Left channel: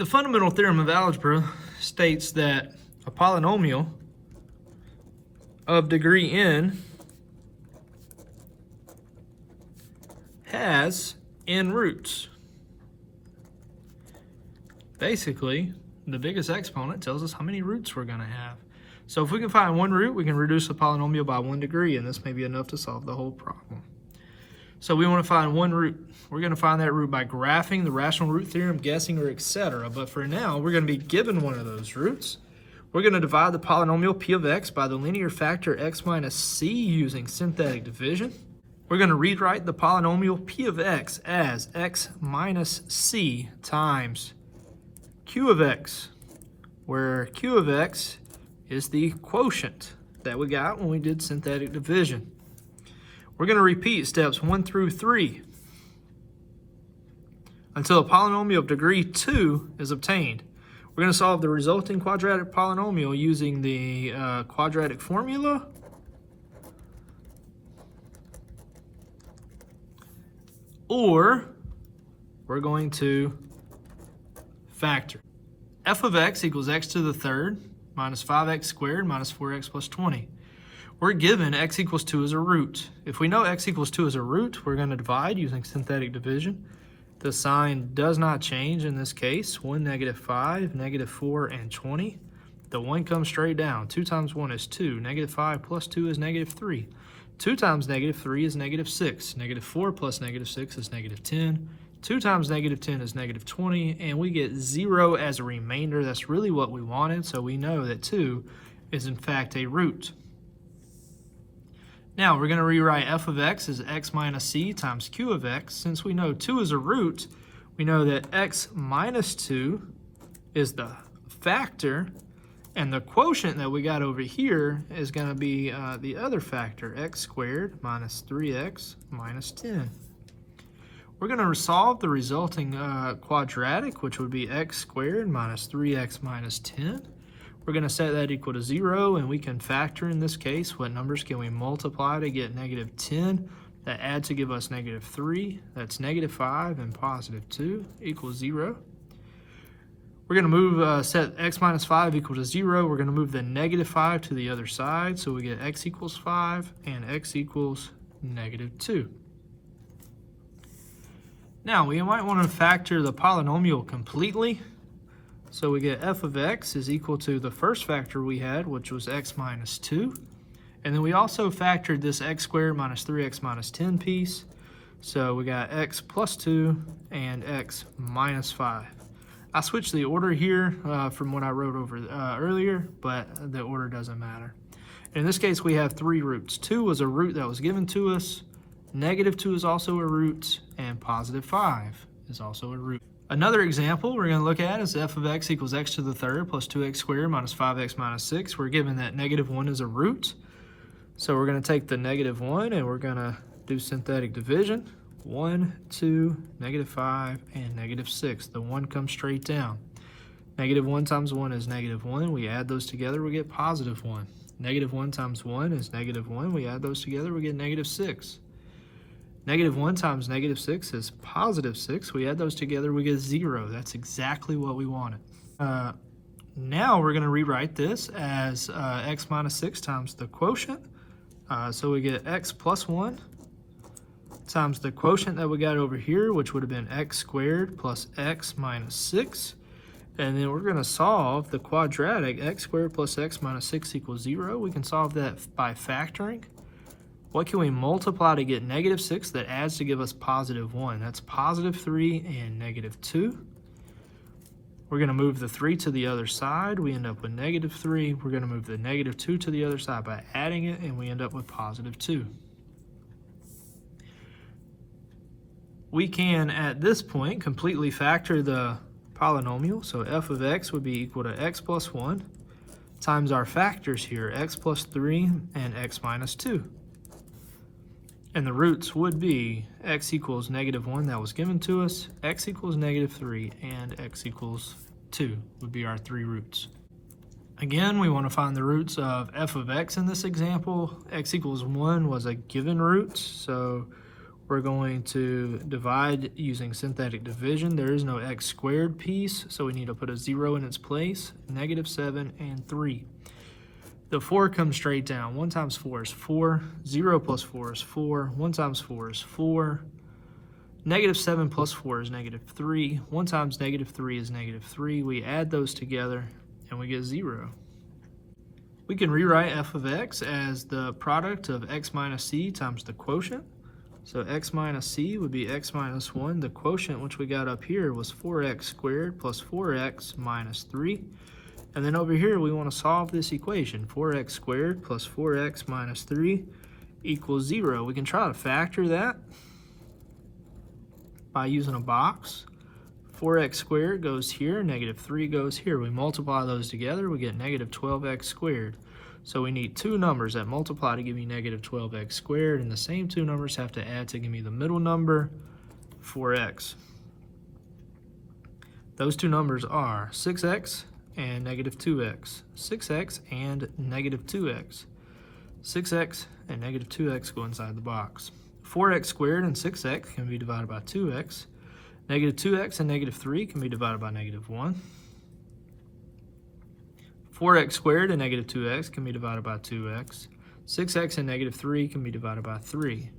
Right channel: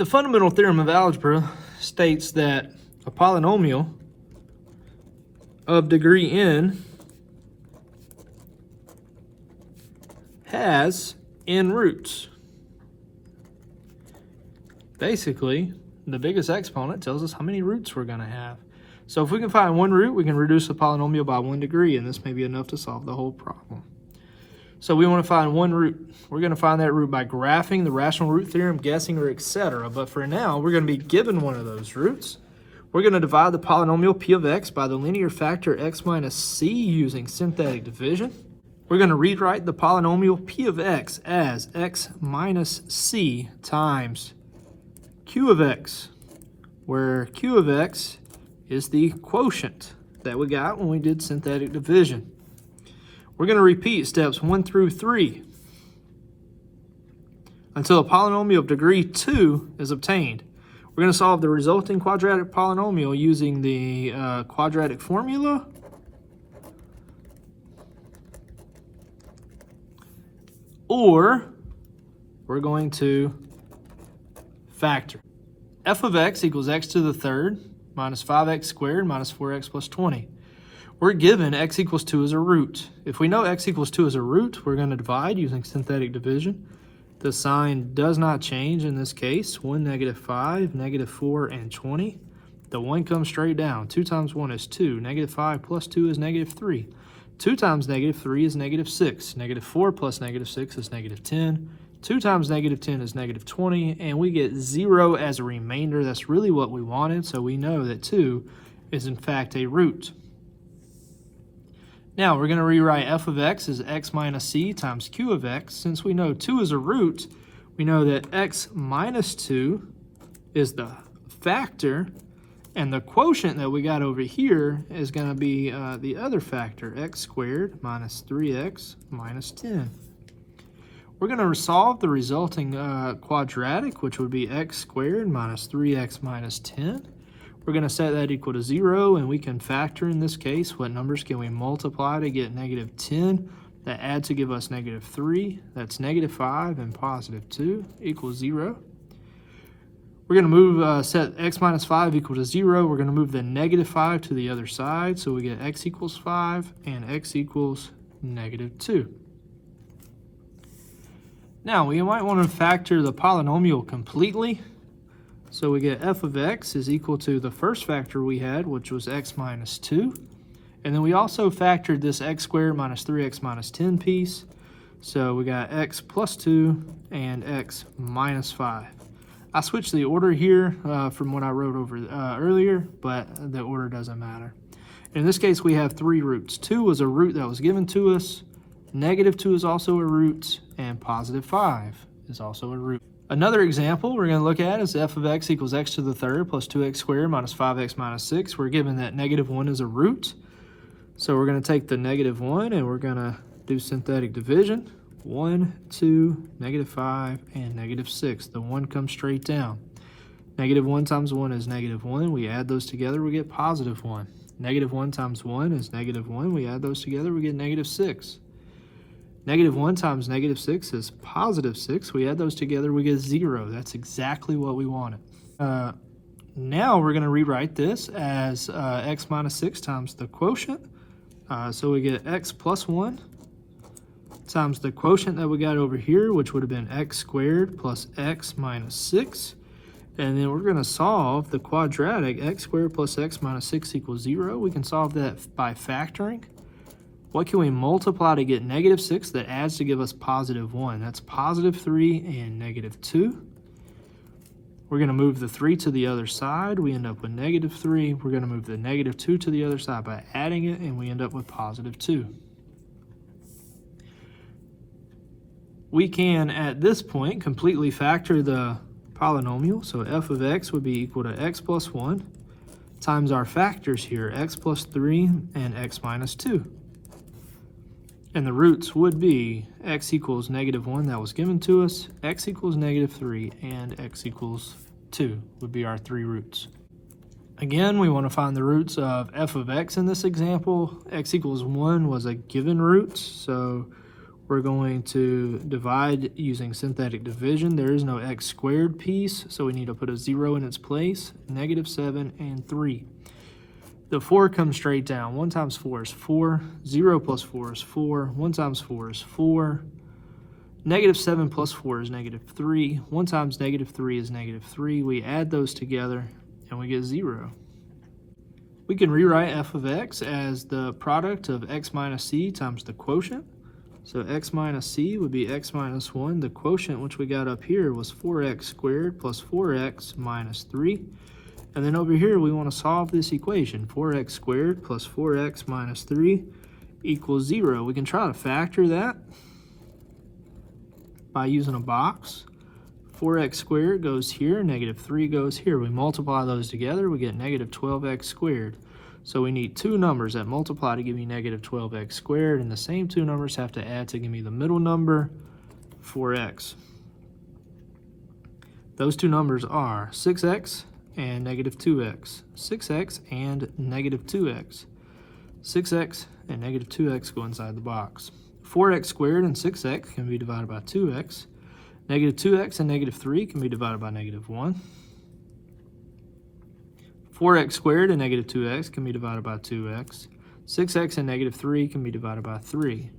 The fundamental theorem of algebra states that a polynomial of degree n has n roots. Basically, the biggest exponent tells us how many roots we're going to have. So if we can find one root, we can reduce the polynomial by 1 degree, and this may be enough to solve the whole problem. So we want to find one root. We're going to find that root by graphing the rational root theorem, guessing, or etc. But for now, we're going to be given one of those roots. We're going to divide the polynomial p of x by the linear factor x minus c using synthetic division. We're going to rewrite the polynomial p of x as x minus c times q of x, where q of x is the quotient that we got when we did synthetic division. We're going to repeat steps 1 through 3 until a polynomial of degree 2 is obtained. We're going to solve the resulting quadratic polynomial using the quadratic formula, or we're going to factor. F of x equals x to the third minus 5x squared minus 4x plus 20. We're given x equals 2 as a root. If we know x equals 2 as a root, we're going to divide using synthetic division. The sign does not change in this case. 1, negative 5, negative 4, and 20. The 1 comes straight down. 2 times 1 is 2. Negative 5 plus 2 is negative 3. 2 times negative 3 is negative 6. Negative 4 plus negative 6 is negative 10. 2 times negative 10 is negative 20. And we get 0 as a remainder. That's really what we wanted. So we know that 2 is in fact a root. Now we're going to rewrite f of x as x minus c times q of x. Since we know 2 is a root, we know that x minus 2 is the factor, and the quotient that we got over here is going to be the other factor, x squared minus 3x minus 10. We're going to solve the resulting quadratic, which would be x squared minus 3x minus 10. We're going to set that equal to 0, and we can factor in this case. What numbers can we multiply to get negative 10? That adds to give us negative 3. That's negative 5 and positive 2 equals 0. We're going to move, set x minus 5 equal to 0. We're going to move the negative 5 to the other side. So we get x equals 5 and x equals negative 2. Now, we might want to factor the polynomial completely. So we get f of x is equal to the first factor we had, which was x minus 2. And then we also factored this x squared minus 3x minus 10 piece. So we got x plus 2 and x minus 5. I switched the order here from what I wrote over earlier, but the order doesn't matter. In this case, we have 3 roots. 2 was a root that was given to us. Negative 2 is also a root, and positive 5 is also a root. Another example we're going to look at is f of x equals x to the third plus 2x squared minus 5x minus 6. We're given that negative 1 is a root. So we're going to take the negative 1 and we're going to do synthetic division. 1, 2, negative 5, and negative 6. The 1 comes straight down. Negative 1 times 1 is negative 1. We add those together, we get positive 1. Negative 1 times 1 is negative 1. We add those together, we get negative 6. Negative 1 times negative 6 is positive 6. We add those together, we get 0. That's exactly what we wanted. Now we're going to rewrite this as x minus 6 times the quotient. So we get x plus 1 times the quotient that we got over here, which would have been x squared plus x minus 6. And then we're going to solve the quadratic x squared plus x minus 6 equals 0. We can solve that by factoring. What can we multiply to get negative 6 that adds to give us positive 1? That's positive 3 and negative 2. We're going to move the 3 to the other side. We end up with negative 3. We're going to move the negative 2 to the other side by adding it, and we end up with positive 2. We can, at this point, completely factor the polynomial. So f of x would be equal to x plus 1 times our factors here, x plus 3 and x minus 2. And the roots would be x equals negative 1 that was given to us, x equals negative 3, and x equals 2 would be our 3 roots. Again, we want to find the roots of f of x in this example. X equals 1 was a given root, so we're going to divide using synthetic division. There is no x squared piece, so we need to put a 0 in its place. -7 and 3. The 4 comes straight down. 1 times 4 is 4. 0 plus 4 is 4. 1 times 4 is 4. -7 plus 4 is -3. 1 times -3 is -3. We add those together and we get 0. We can rewrite f of x as the product of x minus c times the quotient. So x minus c would be x minus 1. The quotient, which we got up here, was 4x squared plus 4x minus 3. And then over here, we want to solve this equation. 4x squared plus 4x minus 3 equals 0. We can try to factor that by using a box. 4x squared goes here, -3 goes here. We multiply those together, we get -12x squared. So we need two numbers that multiply to give me -12x squared, and the same two numbers have to add to give me the middle number, 4x. Those two numbers are 6x and -2x. 6x and -2x. 6x and -2x go inside the box. 4x squared and 6x can be divided by 2x. -2x and -3 can be divided by -1. 4x squared and -2x can be divided by 2x. 6x and -3 can be divided by 3.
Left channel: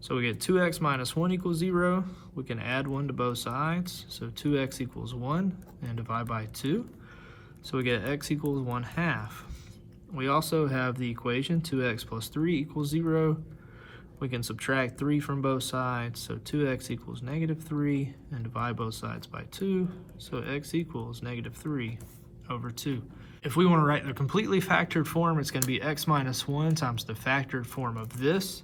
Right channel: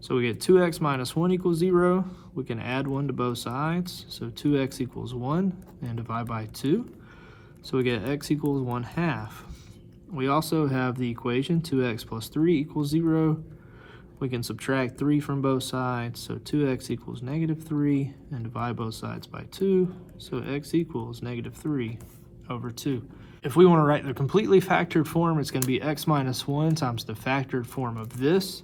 So we get 2x minus 1 equals 0. We can add 1 to both sides. So 2x equals 1 and divide by 2. So we get x equals 1/2. We also have the equation 2x plus 3 equals 0. We can subtract 3 from both sides. So 2x equals -3 and divide both sides by 2. So x equals -3 over 2. If we want to write the completely factored form, it's going to be x minus 1 times the factored form of this.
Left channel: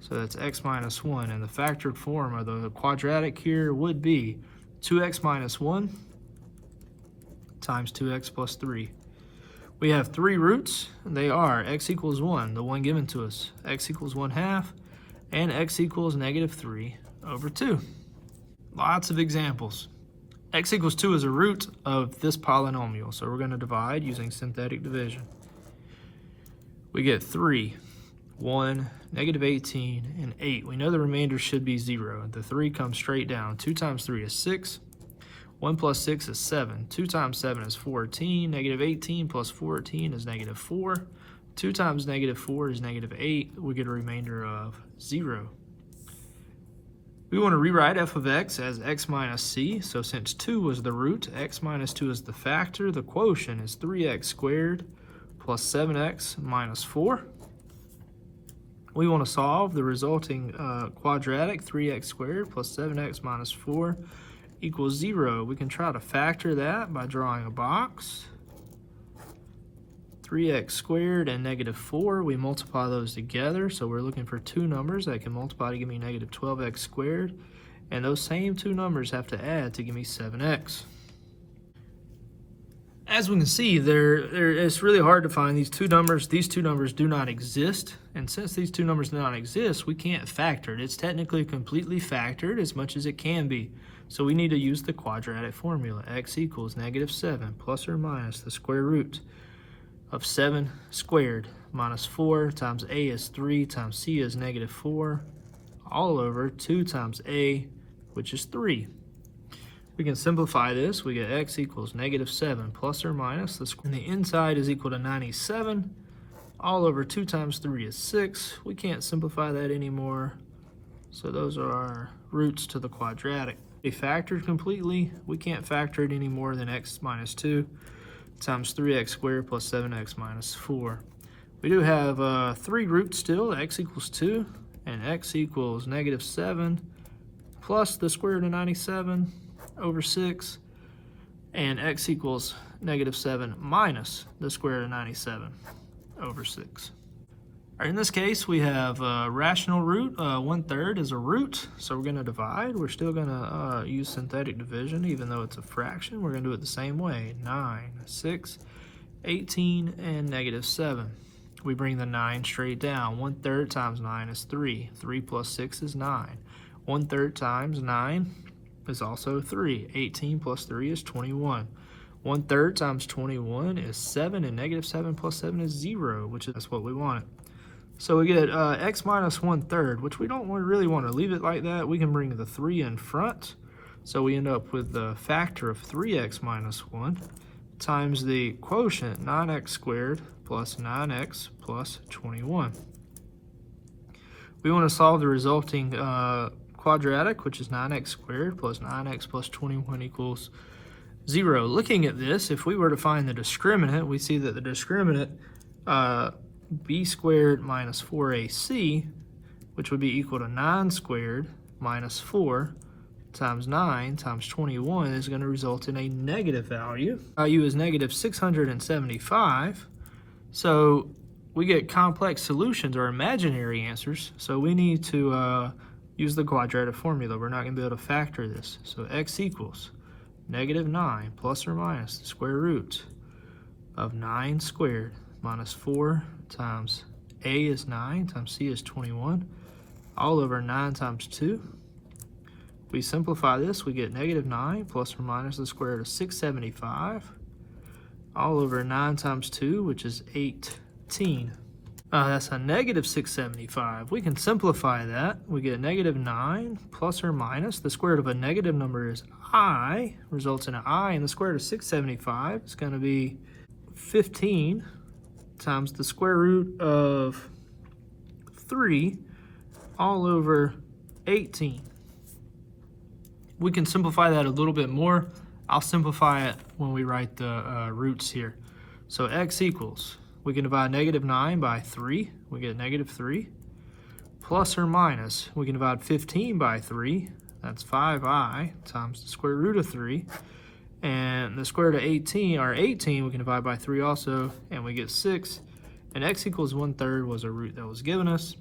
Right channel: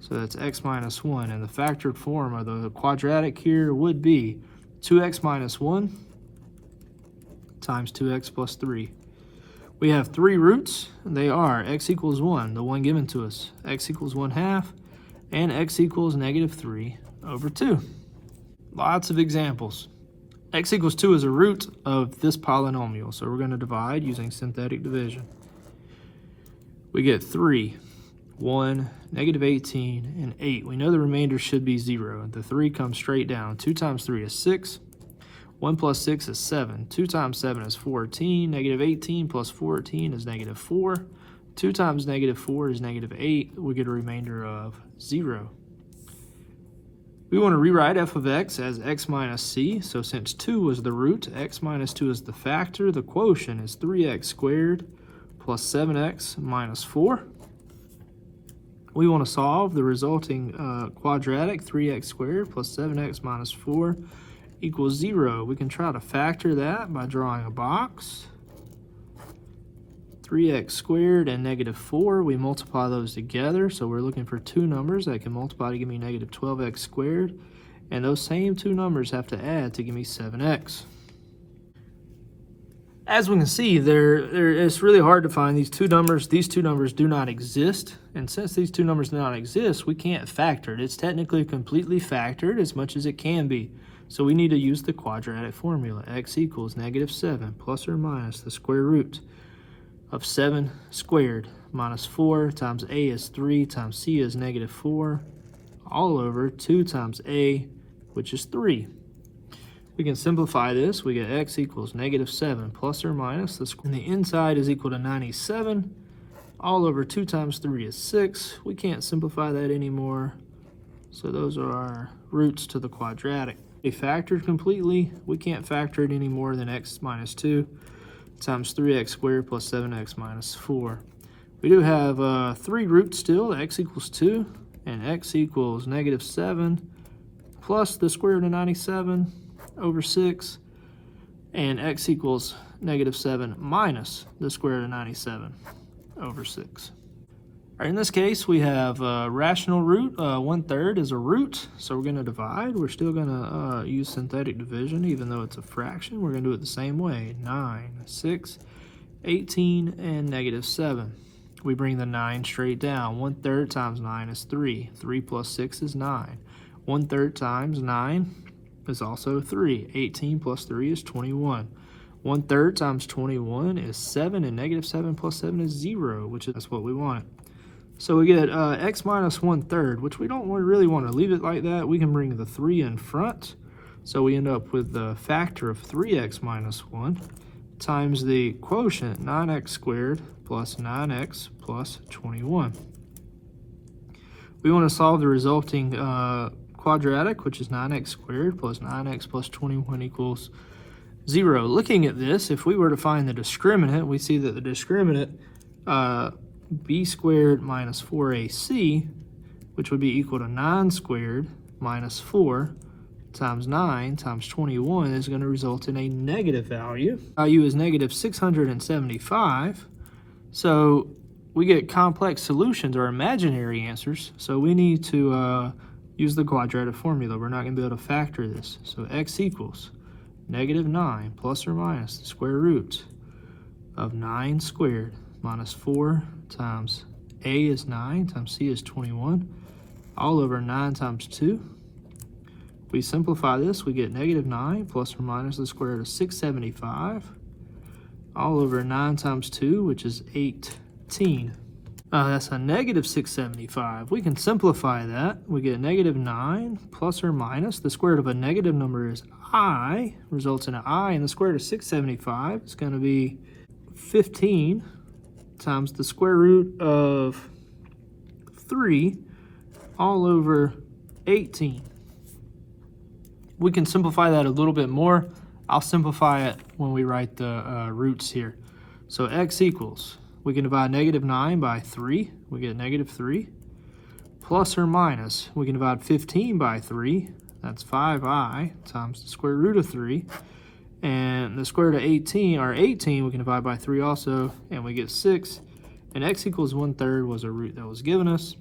So that's x minus 1. And the factored form of the quadratic here would be 2x minus 1 times 2x plus 3. We have three roots. They are x equals 1, the one given to us, x equals 1/2, and x equals -3 over 2. Lots of examples. X equals 2 is a root of this polynomial, so we're going to divide using synthetic division. We get 3, 1, -18, and 8. We know the remainder should be 0. The 3 comes straight down. 2 times 3 is 6. 1 plus 6 is 7. 2 times 7 is 14. -18 plus 14 is -4. 2 times -4 is -8. We get a remainder of 0. We want to rewrite f of x as x minus c. So since 2 was the root, x minus 2 is the factor. The quotient is 3x squared plus 7x minus 4. We want to solve the resulting quadratic, 3x squared plus 7x minus 4 equals 0. We can try to factor that by drawing a box. 3x squared and -4, we multiply those together, so we're looking for two numbers that can multiply to give me -12x squared, and those same two numbers have to add to give me 7x. As we can see, it's really hard to find these two numbers. These two numbers do not exist, and since these two numbers do not exist, we can't factor it. It's technically completely factored as much as it can be. So we need to use the quadratic formula. X equals -7 plus or minus the square root of 7 squared minus 4 times a is 3 times c is -4 all over 2 times a, which is 3. We can simplify this. We get x equals -7 plus or minus the square. And the inside is equal to 97 all over 2 times 3 is 6. We can't simplify that anymore. So those are our roots to the quadratic. They factored completely. We can't factor it any more than x minus 2 times 3x squared plus 7x minus 4. We do have 3 roots still, x equals 2, and x equals -7 plus the square root of 97 over 6, and x equals -7 minus the square root of 97 over 6. All right, in this case, we have a rational root. 1/3 is a root, so we're going to divide. We're still going to use synthetic division, even though it's a fraction. We're going to do it the same way. 9, 6, 18, and -7. We bring the 9 straight down. 1/3 times 9 is 3. 3 plus 6 is 9. 1/3 times 9 is also 3. 18 plus 3 is 21. 1/3 times 21 is 7, and -7 plus 7 is 0, which is what we want. So we get x minus 1/3, which we don't really want to leave it like that. We can bring the 3 in front. So we end up with the factor of 3x minus 1 times the quotient 9x squared plus 9x plus 21. We want to solve the resulting quadratic, which is 9x squared plus 9x plus 21 equals 0. Looking at this, if we were to find the discriminant, we see that the discriminant b squared minus 4ac, which would be equal to 9 squared minus 4 times 9 times 21 is going to result in a negative value. Value is negative 675. So we get complex solutions or imaginary answers. So we need to use the quadratic formula. We're not going to be able to factor this. So x equals negative 9 plus or minus the square root of 9 squared minus 4 times a is 9 times c is 21 all over 9 times 2. We simplify this, we get negative 9 plus or minus the square root of 675 all over 9 times 2, which is 18. That's a negative 675. We can simplify that. We get negative 9 plus or minus the square root of a negative number is I, results in an I, and the square root of 675 is going to be 15 times the square root of 3 all over 18. We can simplify that a little bit more. I'll simplify it when we write the roots here. So x equals, we can divide negative 9 by 3. We get negative 3. Plus or minus, we can divide 15 by 3. That's 5i times the square root of 3. And the square root of 18, or 18, we can divide by 3 also, and we get 6. And x equals 1/3 was a root that was given us.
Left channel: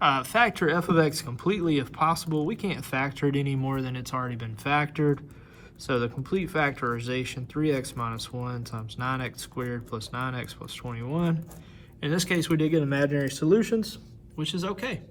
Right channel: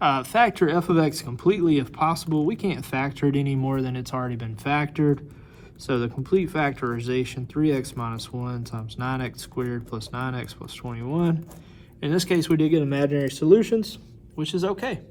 Factor f of x completely if possible. We can't factor it any more than it's already been factored. So the complete factorization, 3x minus 1 times 9x squared plus 9x plus 21. In this case, we did get imaginary solutions, which is okay.